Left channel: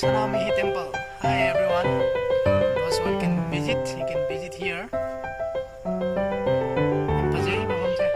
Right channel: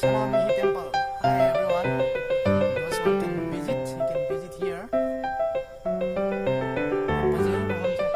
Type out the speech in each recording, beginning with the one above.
Sanamihi Temple. Hi everyone. Those who can visit, you can visit here. Pazay mahamse.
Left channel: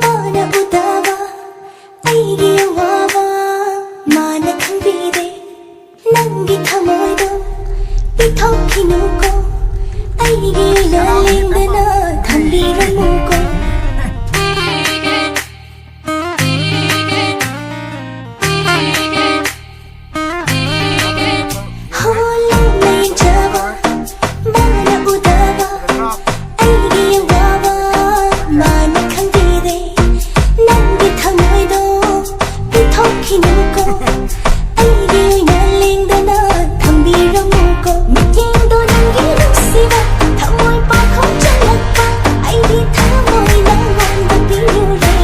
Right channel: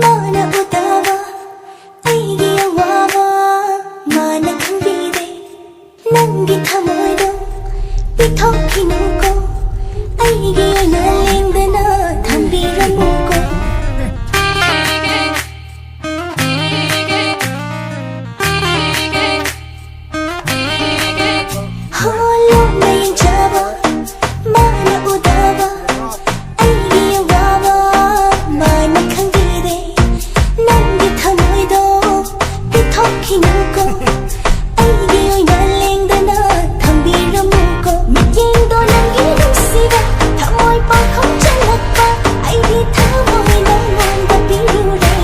Mana utawa aigi awawa mana khangbide nangi thamoido pithokinuko aigi oina lengdana thambiramuko holo nayin java mana utawa aigi awawa mana khangbide nangi thamoido pithokinuko aigi oina lengdana thambiramuko mityengdo nangi nusiba thamoi pakhong chalakpa aidi thamoi nangonda pirure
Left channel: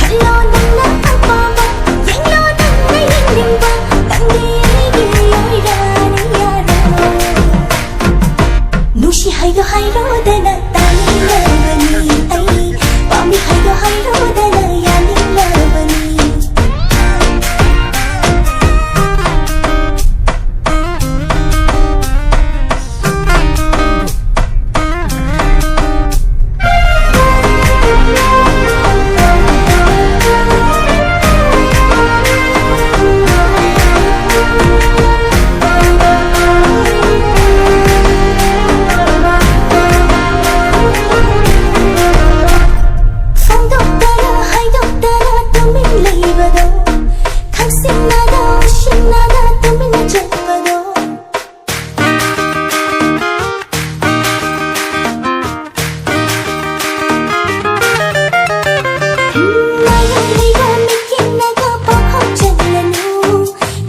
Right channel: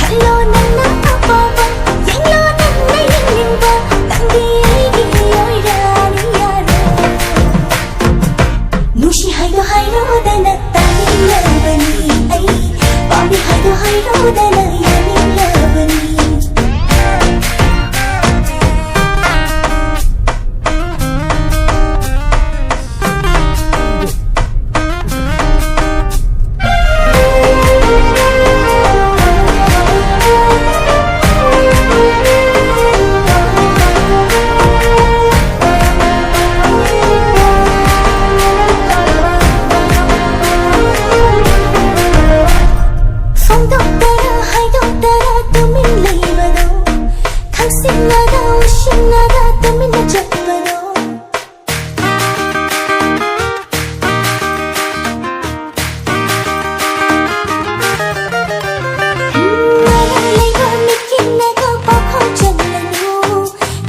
khallo nangna apamba yenglo nangna yenglingba nangdi aigi oirani yaro nushi haido hairodana tanilabani ai Pami haido hairodana yanilabani Sinada ushinada tumina chapado Naga leiba mikinaga pakhong chalanu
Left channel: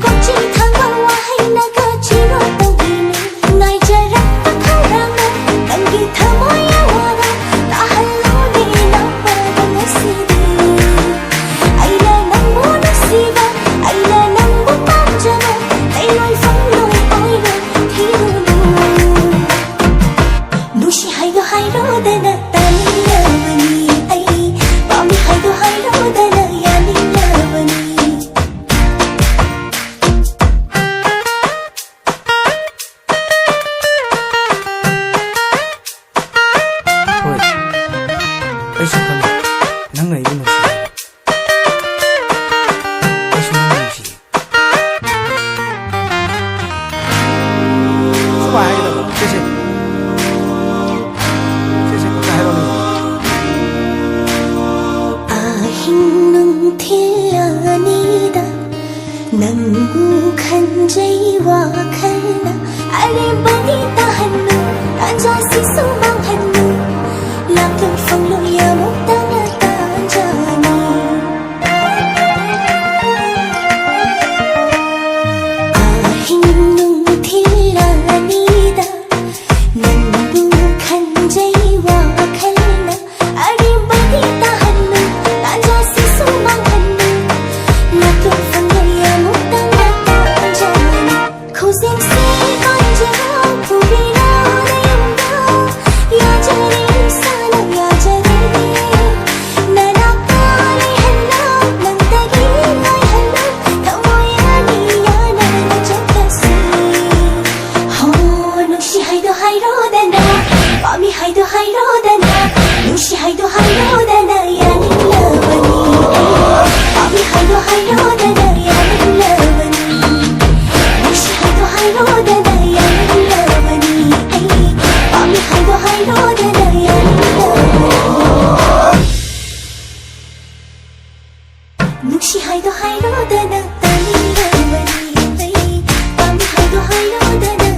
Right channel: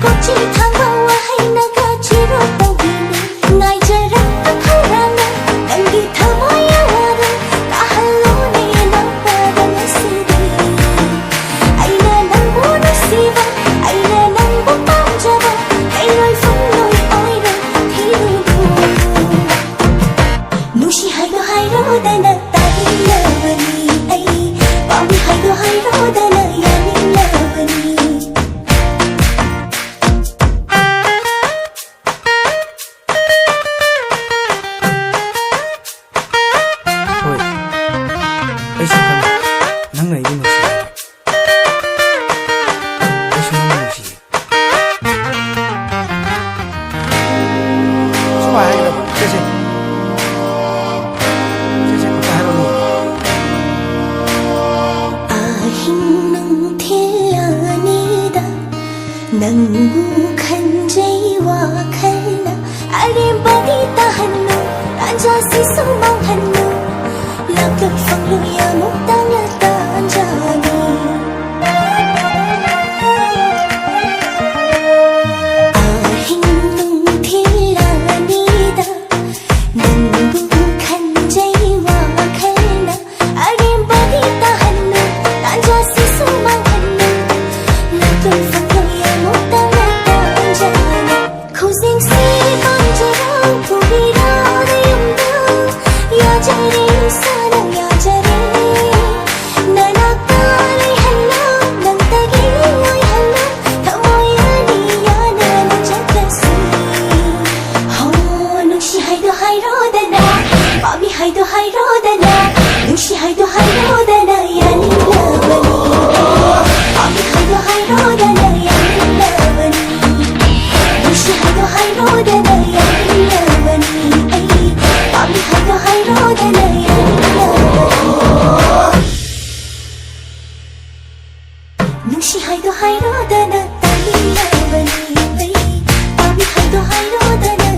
Kochi thangwa wahai naga chiro tawinu Ngai jarak pakhoranga tangi thamoya wada Tahallo ne na padang asidi Aina nangbo nusiba Aina nangbo pamjaba Tailoi fangloi oiro thirulu Nushi haido hairodana tanilabani Ai Pami haido hairodana yanilabani Oi, aisu khang nangna ibu nusi aisu nangna nusi suba haidaba sese kota haroni Ahing nung thilanida Nangbu khanjai wakhalna Arembani tahannu Tanja sisu manghannu Lakloi fangloi yamuk tangla tanjani Ahing nung thilanida Nangbu khanjai wakhalna Arembani tahannu Tanja sisu manghannu Lakloi fangloi yamuk tangla tanjani Khuzing si banjerang pubirang nayumdang Yajare sana yajare Nanaktalay halang Nang taging ay halang Thamoyani yana na jagasi Nushi haido hairodana Pami haido hairodana Nushi haido hairodana yanilabani Pami haido hairodana yanilabani Nushi haido hairodana yanilabani Pami haido hairodana yanilabani Nushi haido hairodana tanilabani Pami haido hairodana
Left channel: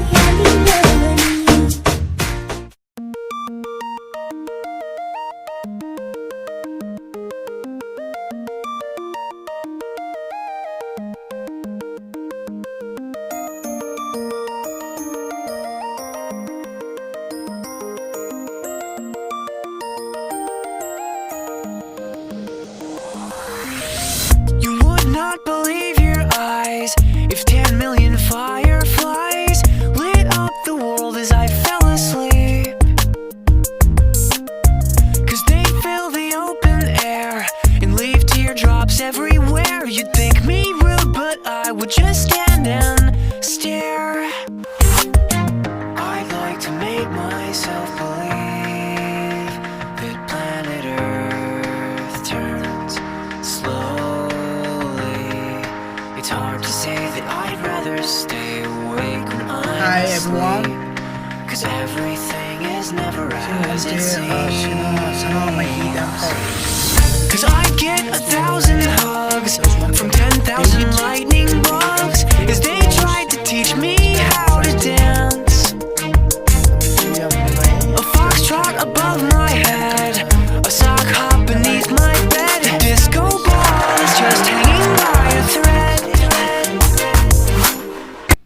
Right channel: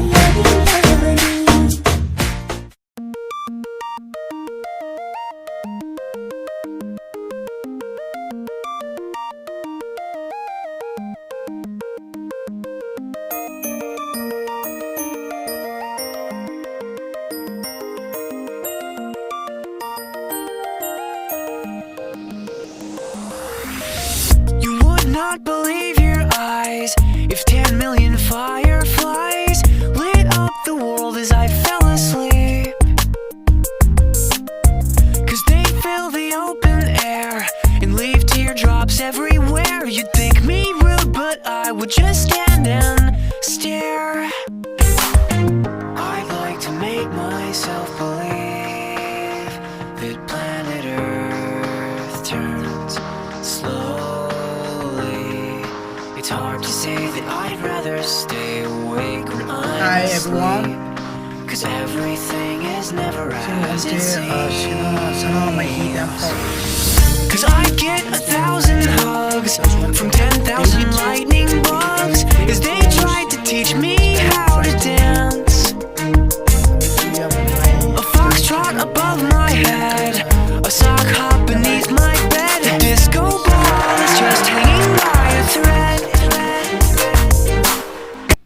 Cause everything is never as it 이제 seems. 사랑의 이담파. Cause I get 1,000 hugs from 10,000 lightning bugs as they tried to teach me how to dance.